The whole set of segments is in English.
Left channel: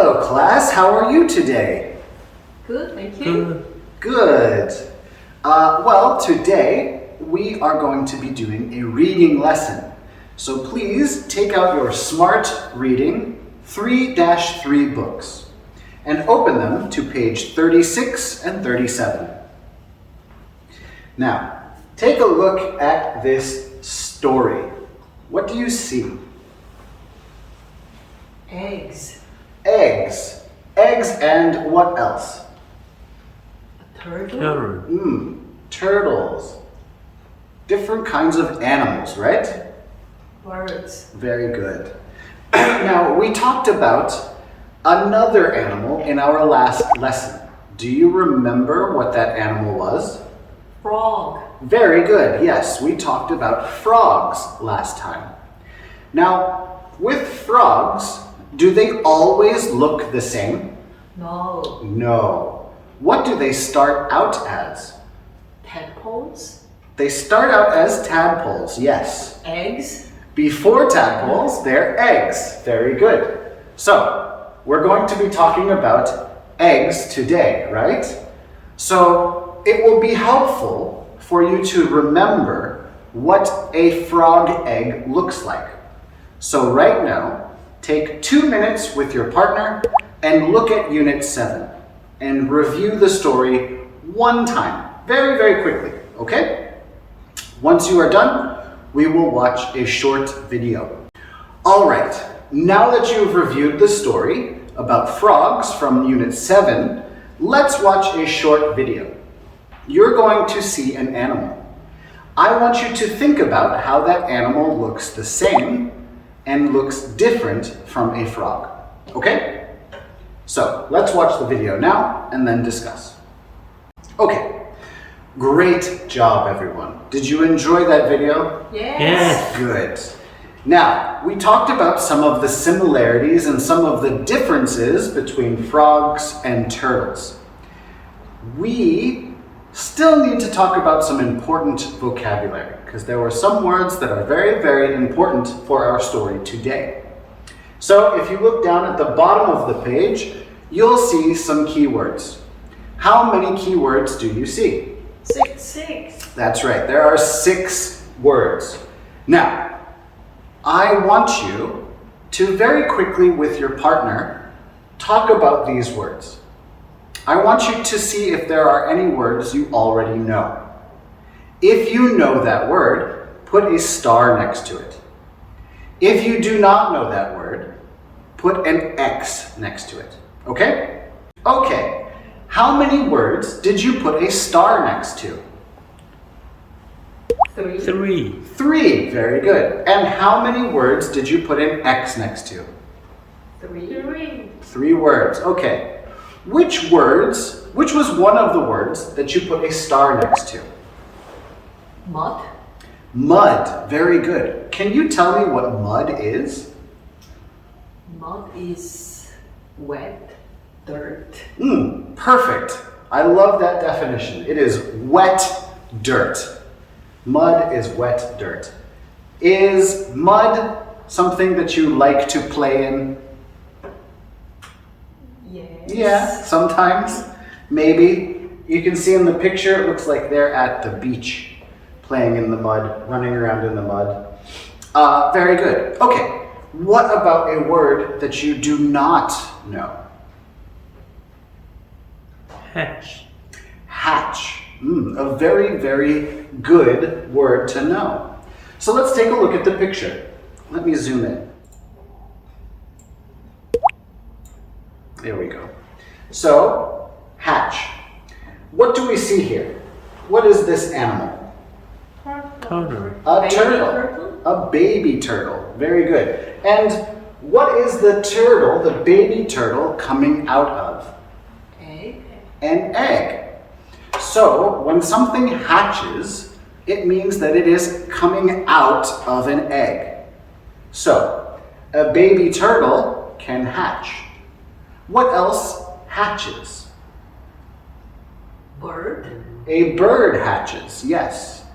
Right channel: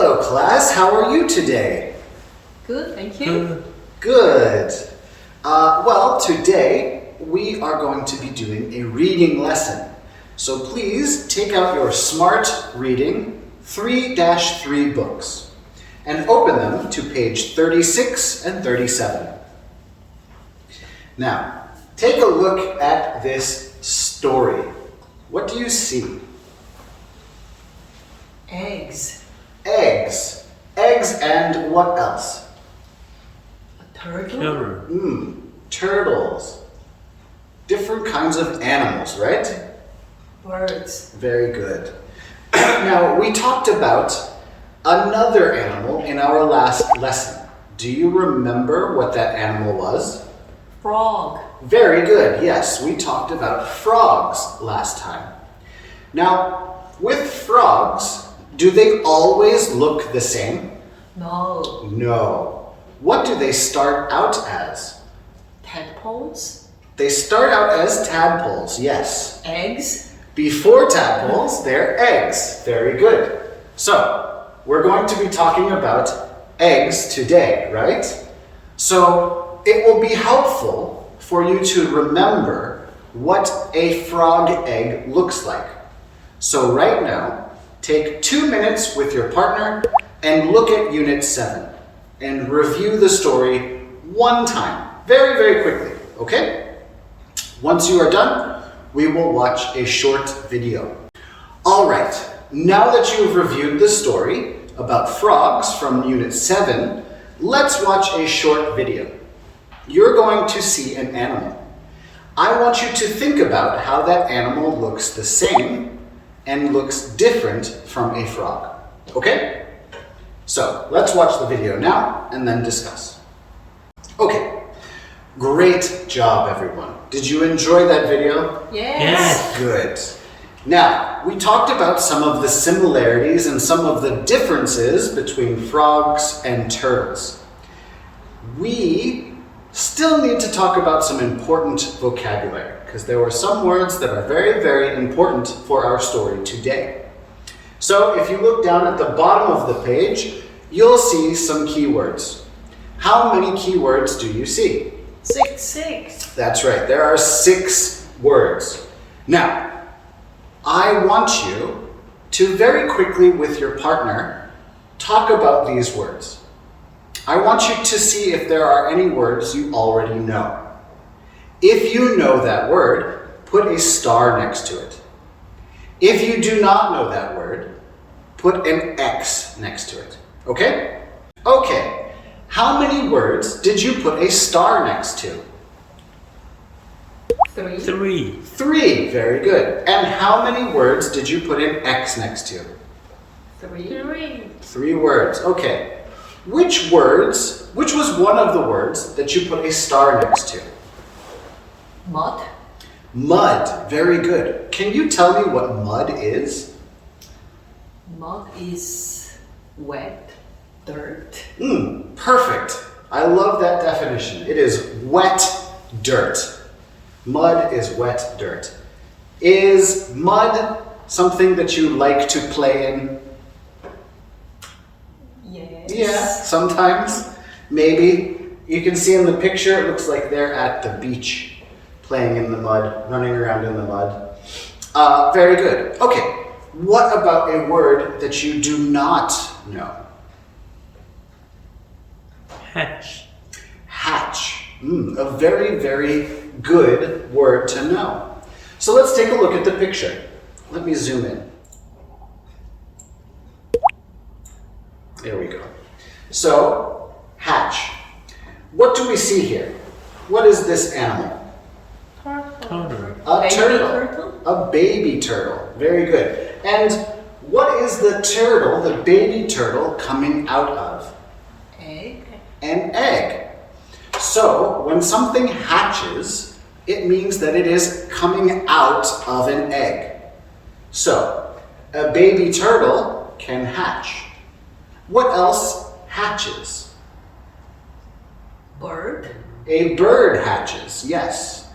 Hello, class. How are you today? Good, thank you. Good. Good. Well, today we are going to be doing a reading lesson. So please take out your Smart Reading 3-3 books and open them to page 36 and 37. Now, take a look at this story. What do you see? Eggs. Eggs. Eggs and what else? Turtle. Turtle. Turtles. Different kinds of animals, right? Birds. Very good. Now, we talked about another animal in our last lesson. Do you remember what that animal was? Frog. Very good. Yes, we talked about frogs last time. Now, with frogs, do they always look the same? No. No. What do they start out as? Tadpoles. They start out as tadpoles, yes. Eggs. Before tadpoles, they're eggs. Very good. So, we're going to be talking about eggs today, right? So, it will be helpful for you to remember what a frog egg looks like. So right now, take 2 minutes with your partner and look at Unit 7 and review the story one time, very, very quickly, okay? Once you are done, we will watch a short video. All right, now that you've reviewed the story about frogs from Unit 7, let's watch a short video. You're going to see an animal. I want you to think about how that animal looks the same and looks different from a frog. Okay? So, let's watch the video now and then discuss. Okay. Great job, everyone. Did you enjoy that video? Yes. Good. Now, we talked about some of the similarities and some of the differences between frogs and turtles. We still need to talk about some important vocabulary because there were some words that are very, very important for our story today. So if you look down at the bottom of the page, you'll see some keywords. How many keywords do you see? Six. That's right, there are 6 words. Now, I want you to very quickly with your partner talk about these words. I want you to see if there are any words you already know. If you know that word, put a star next to it. If you do not know that word, put an X next to it. Okay? Okay. How many words did you put a star next to? 3. 3. 3. Very good. And how many words did you put an X next to? 3. 3 words. Okay. Which was one of the words that you put a star next to? Mud. Mud. Very good. Can you tell me what mud is? Mud is wet dirt. Perfect. I love that definition. It is wet dirt. Mud is wet dirt. Is mud something that you like to play in? Yes. Yeah, sometimes. Maybe. You can see in the picture, it looks like they're at the beach playing in the mud, running around in the mud. Very good. Okay, what about a word that you do not know? Hatch. Hatch. A very, very good word to know. So let's take a look at the picture. Let me zoom in. There we go. So, hatch. What do we see here? What is this animal? Turtle. A Baby turtle. turtle? A baby turtle. Very good. And what is the turtle, the baby turtle, coming out of? Egg. An egg. So, when something hatches, it means that it is coming out of an egg. So, a baby turtle can hatch. What else hatches? Bird. A bird hatches, yes.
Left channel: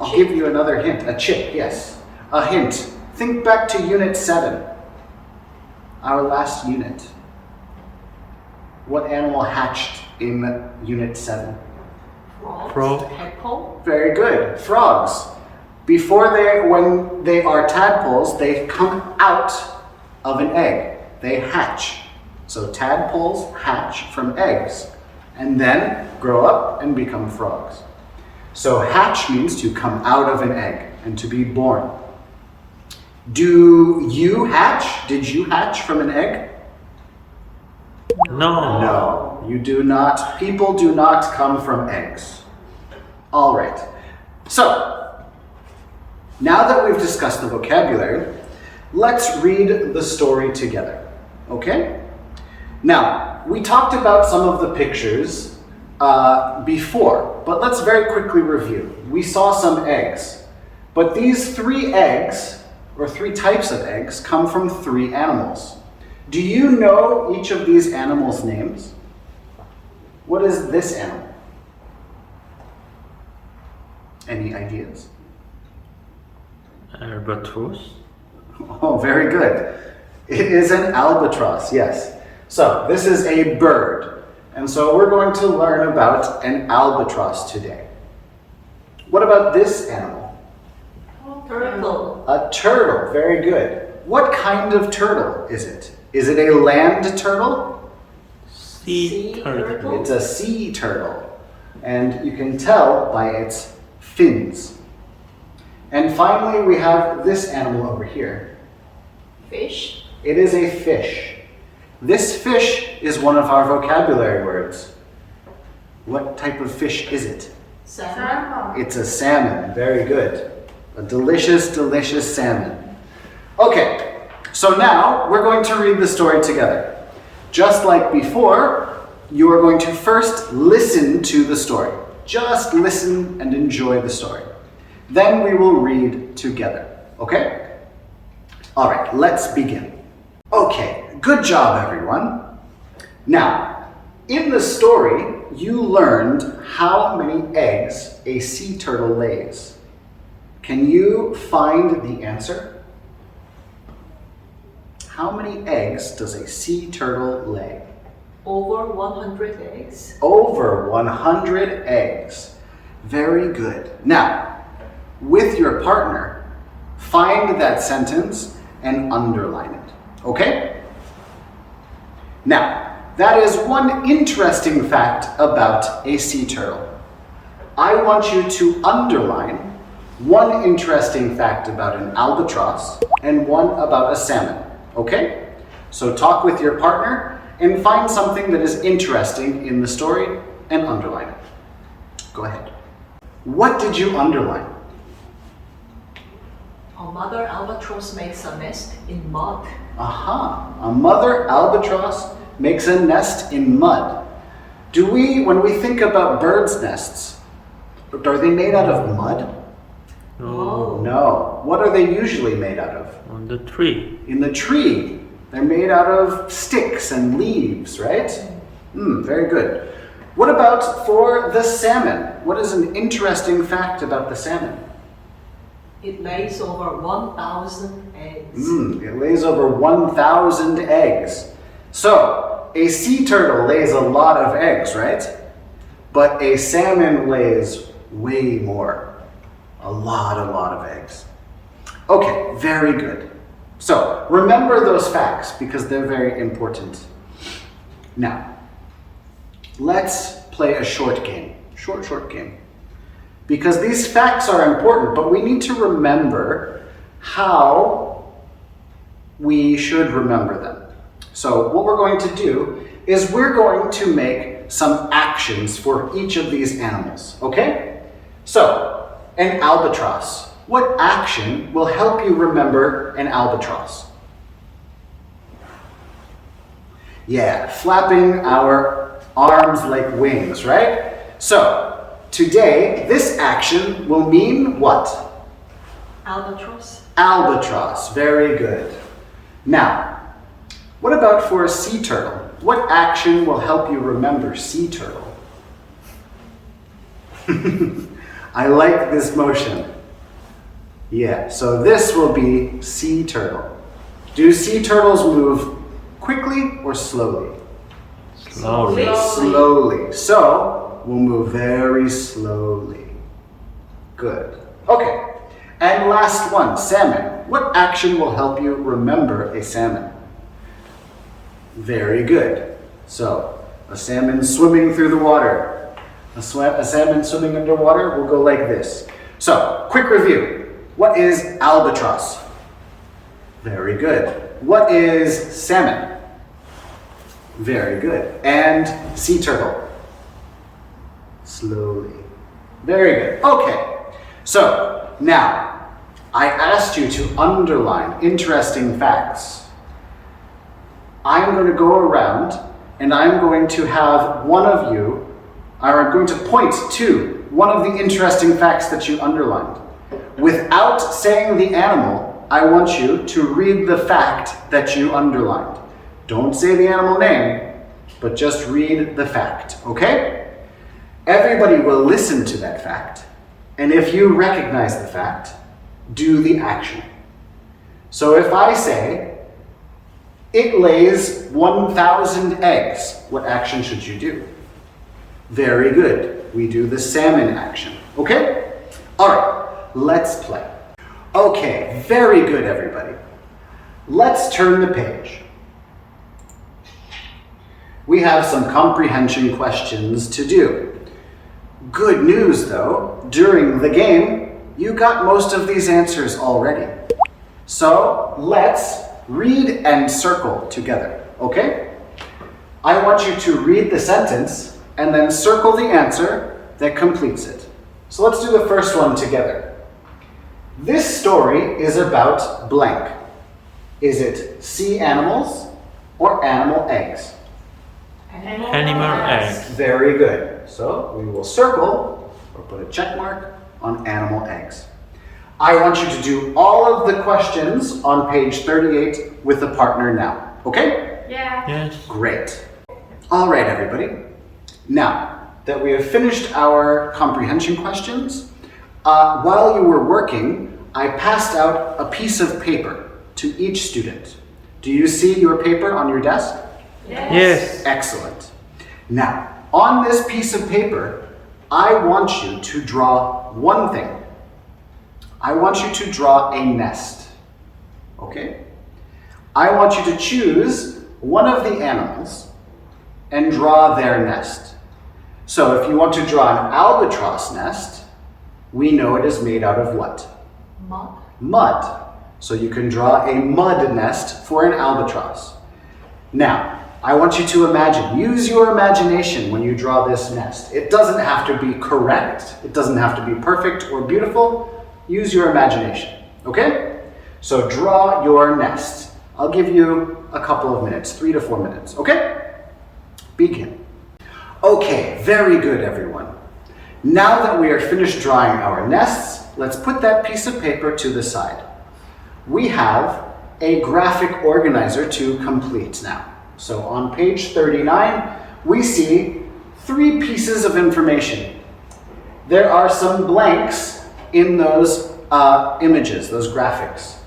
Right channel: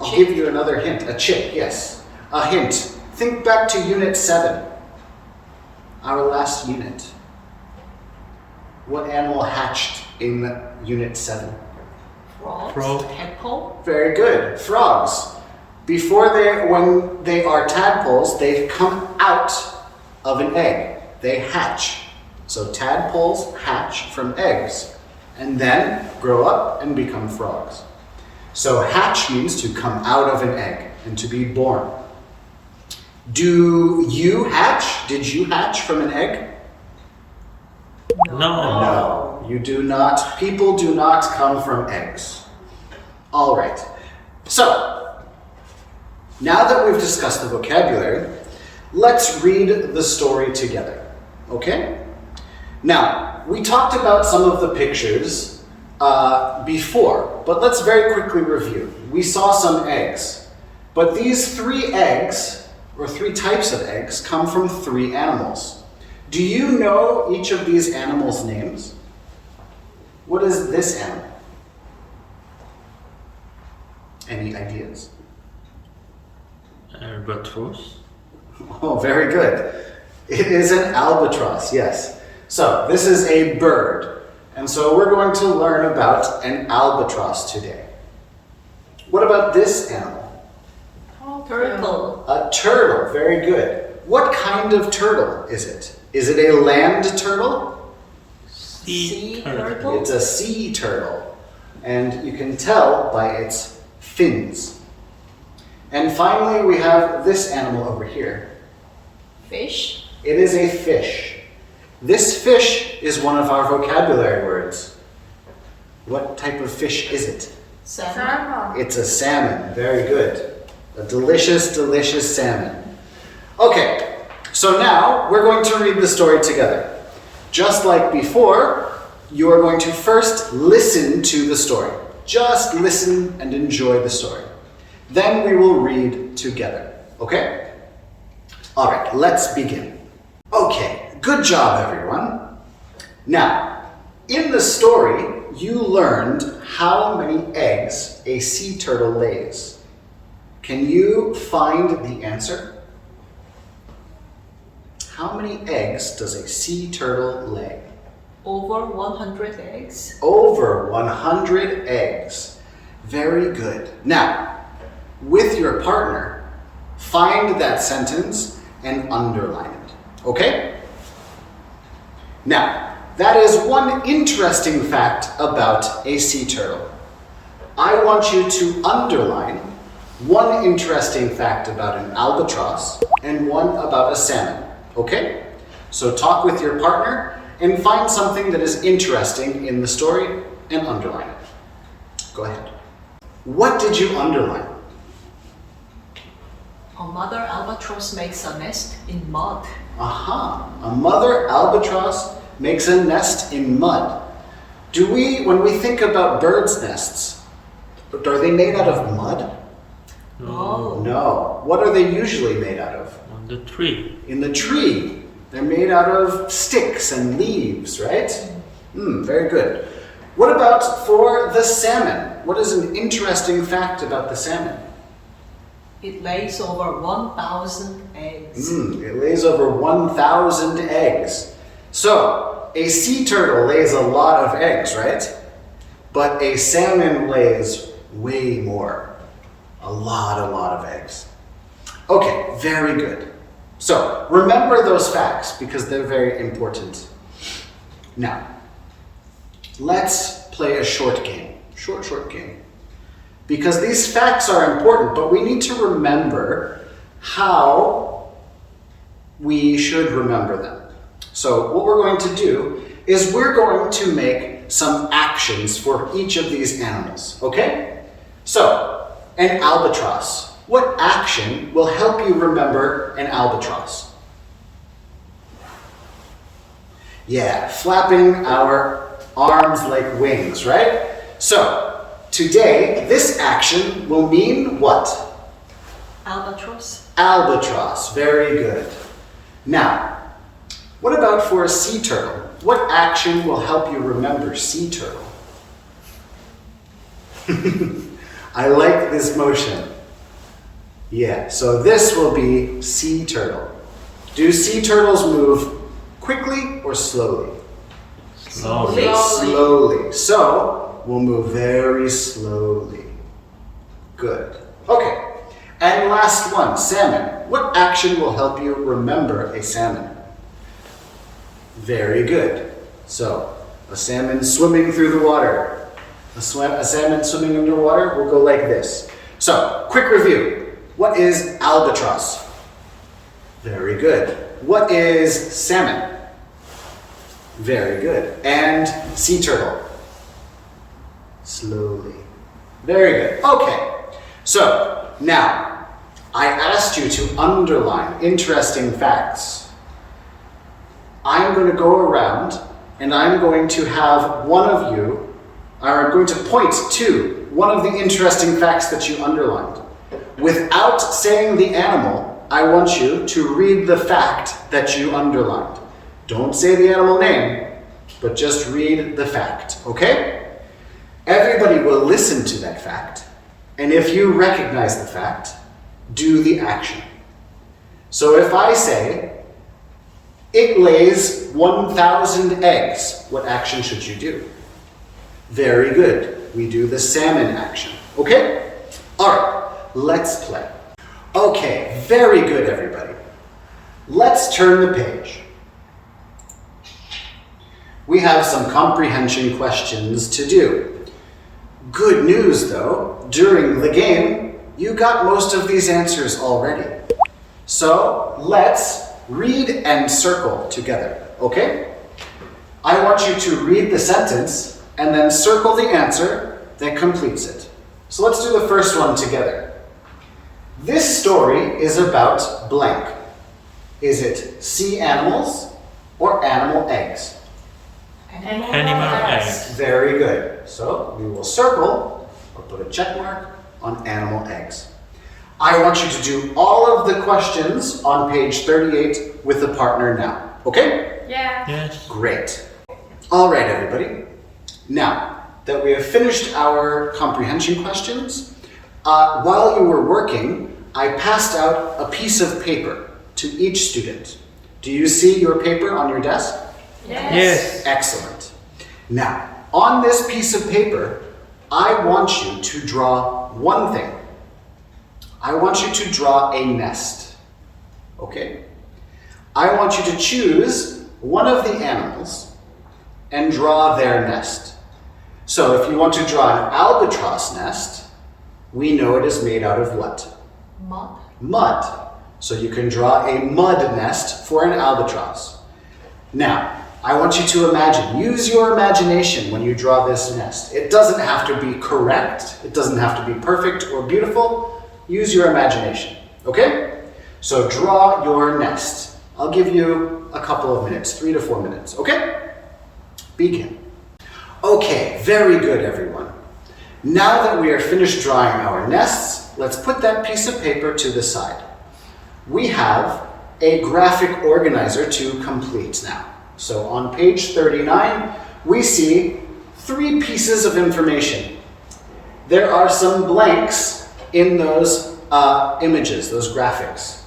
I'll give you another hint. A chick, yes. A hint. Think back to Unit 7, our last unit. What animal hatched in Unit 7? Frogs. Frog. Tadpole. Very good. Frogs. When they are tadpoles, they come out of an egg. They hatch. So tadpoles hatch from eggs and then grow up and become frogs. So hatch means to come out of an egg and to be born. Do you hatch? Did you hatch from an egg? No. No, you do not. People do not come from eggs. All right. So, now that we've discussed the vocabulary, let's read the story together. Okay? Now, we talked about some of the pictures before, but let's very quickly review. We saw some eggs, but these 3 eggs, or 3 types of eggs, come from 3 animals. Do you know each of these animals' names? What is this animal? Any ideas? Albatross. Oh, very good. It is an albatross, yes. So this is a bird. And so we're going to learn about an albatross today. What about this animal? Turtle. A turtle, very good. What kind of turtle is it? Is it a land turtle? Sea turtle. It's a sea turtle. And you can tell by its fins. And finally, we have this animal over here. Fish. It is a fish. This fish is one of our vocabulary words. What type of fish is it? Salmon. It's a salmon. Very good. A delicious, delicious salmon. Okay, so now we're going to read the story together. Just like before, you are going to first listen to the story. Just listen and enjoy the story. Then we will read together. Okay? All right, let's begin. Okay, good job, everyone. Now, in the story, you learned how many eggs a sea turtle lays. Can you find the answer? How many eggs does a sea turtle lay? Over 100 eggs. Over 100 eggs. Very good. Now, with your partner, find that sentence and underline it. Okay? Now, that is one interesting fact about a sea turtle. I want you to underline one interesting fact about an albatross and one about a salmon. Okay? So talk with your partner and find something that is interesting in the story and underline it. Go ahead. What did you underline? A mother albatross makes a nest in mud. Aha, a mother albatross makes a nest in mud. When we think about birds' nests, are they made out of mud? No. No. What are they usually made out of? On the tree. In the tree. They're made out of sticks and leaves, right? Very good. What about for the salmon? What is an interesting fact about the salmon? It lays over 1,000 eggs. It lays over 1,000 eggs. So, a sea turtle lays a lot of eggs, right? But a salmon lays way more. A lot of eggs. Okay, very good. So, remember those facts because they're very important. Now, let's play a short game. Short game. Because these facts are important, but we need to remember how we should remember them. So, what we're going to do is we're going to make some actions for each of these animals, okay? So, an albatross. What action will help you remember an albatross? Yeah, flapping our arms like wings, right? So, today, this action will mean what? Albatross. Albatross, very good. Now, what about for a sea turtle? What action will help you remember sea turtle? I like this motion. Yeah, so this will be sea turtle. Do sea turtles move quickly or slowly? Slowly. Slowly. So, we'll move very slowly. Good. Okay. And last one, salmon. What action will help you remember a salmon? Very good. So, a salmon swimming through the water. A salmon swimming underwater will go like this. So, quick review. What is albatross? Very good. What is salmon? Very good. And sea turtle? Slowly. Very good. Okay. So, now, I asked you to underline interesting facts. I'm going to go around and I'm going to have one of you, or I'm going to point to one of the interesting facts that you underlined. Without saying the animal, I want you to read the fact that you underlined. Don't say the animal name, but just read the fact, okay? Everybody will listen to that fact, and if you recognize the fact, do the action. So if I say, it lays 1,000 eggs, what action should you do? Very good. We do the salmon action, okay? All right, let's play. Okay, very good, everybody. Let's turn the page. We have some comprehension questions to do. Good news, though, during the game, you got most of these answers already. So let's read and circle together, okay? I want you to read the sentence and then circle the answer that completes it. So let's do the first one together. This story is about blank. Is it sea animals or animal eggs? Animal eggs. Very good. So we will circle or put a check mark on animal eggs. I want you to do all of the questions on page 38 with a partner now. Okay? Yeah. Yes. Great. All right, everybody. Now that we have finished our comprehension questions, while you were working, I passed out a piece of paper to each student. Do you see your paper on your desk? Yes. Excellent. Now, on this piece of paper, I want you to draw one thing. I want you to draw a nest. Okay? I want you to choose one of the animals and draw their nest. So if you want to draw an albatross nest, we know it is made out of what? Mud. Mud. So you can draw a mud nest for an albatross. Now, I want you to imagine, use your imagination when you draw this nest. It doesn't have to be correct. It doesn't have to be perfect or beautiful. Use your imagination, okay? So draw your nest. I'll give you a couple of minutes, 3 to 4 minutes, okay? Begin. Okay, very good, everyone. Now that we are finished drawing our nests, let's put that piece of paper to the side. We have a graphic organizer to complete now. So on page 39, we see 3 pieces of information. There are some blanks in those images, those graphics.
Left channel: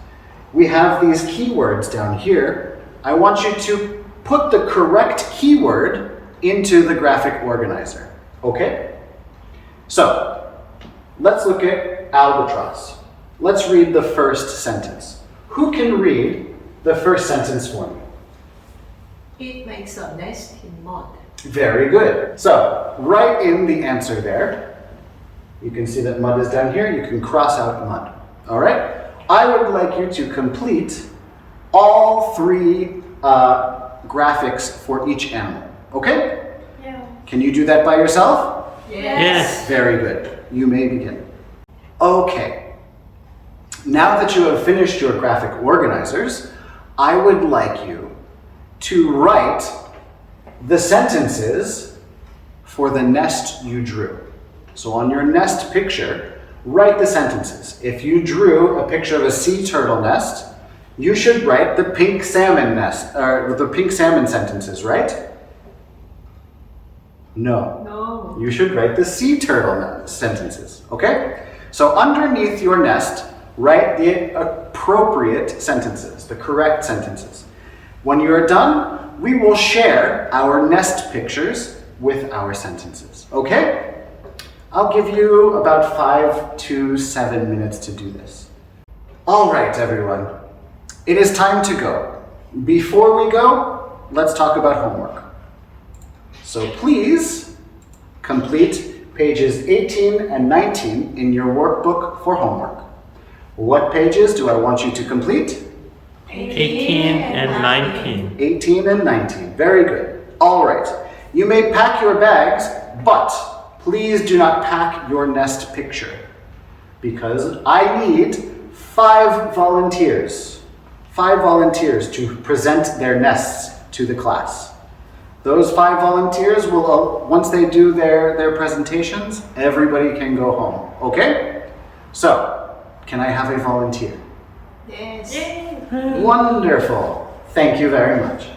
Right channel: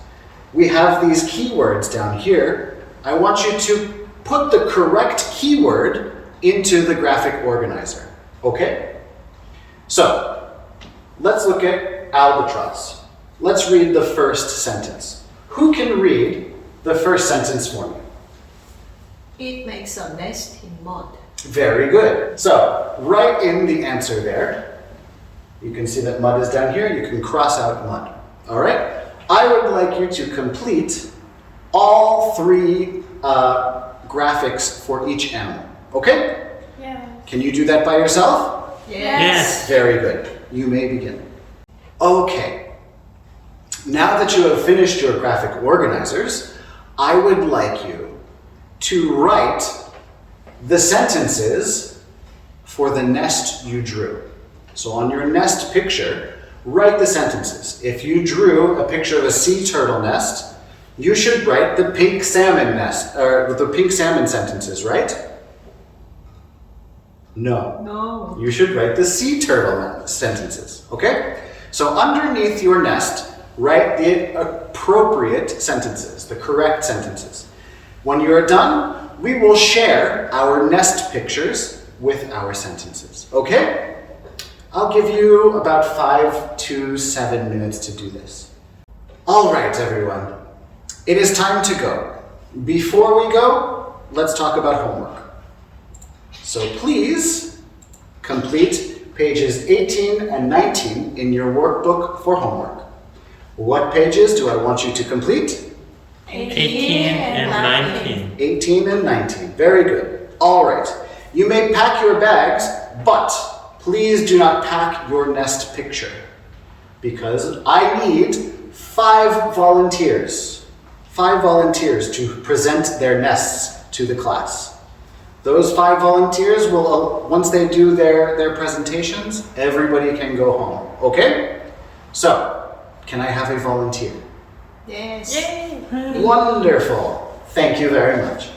We have these keywords down here. I want you to put the correct keyword into the graphic organizer, okay? So, let's look at albatross. Let's read the first sentence. Who can read the first sentence for me? It makes a nest in mud. Very good. So, write in the answer there. You can see that mud is down here. You can cross out mud. All right? I would like you to complete all 3 graphics for each animal. Okay? Yeah. Can you do that by yourself? Yes. Very good. You may begin. Okay. Now that you have finished your graphic organizers, I would like you to write the sentences for the nest you drew. So on your nest picture, write the sentences. If you drew a picture of a sea turtle nest, you should write the pink salmon nest, or the pink salmon sentences, right? No. No. You should write the sea turtle sentences, okay? So underneath your nest, write the appropriate sentences, the correct sentences. When you're done, we will share our nest pictures with our sentences. Okay? I'll give you about 5 to 7 minutes to do this. All right, everyone. It is time to go. Before we go, let's talk about homework. So please complete pages 18 and 19 in your workbook for homework. What pages do I want you to complete? 18 and 19. 18 and 19. Very good. All right. You may pack your bags, but please do not pack your nest picture because I need 5 volunteers. 5 volunteers to present their nests to the class. Those 5 volunteers will, once they do their presentations, everybody can go home. Okay? So, can I have a volunteer? Yes. Wonderful. Thank you very much.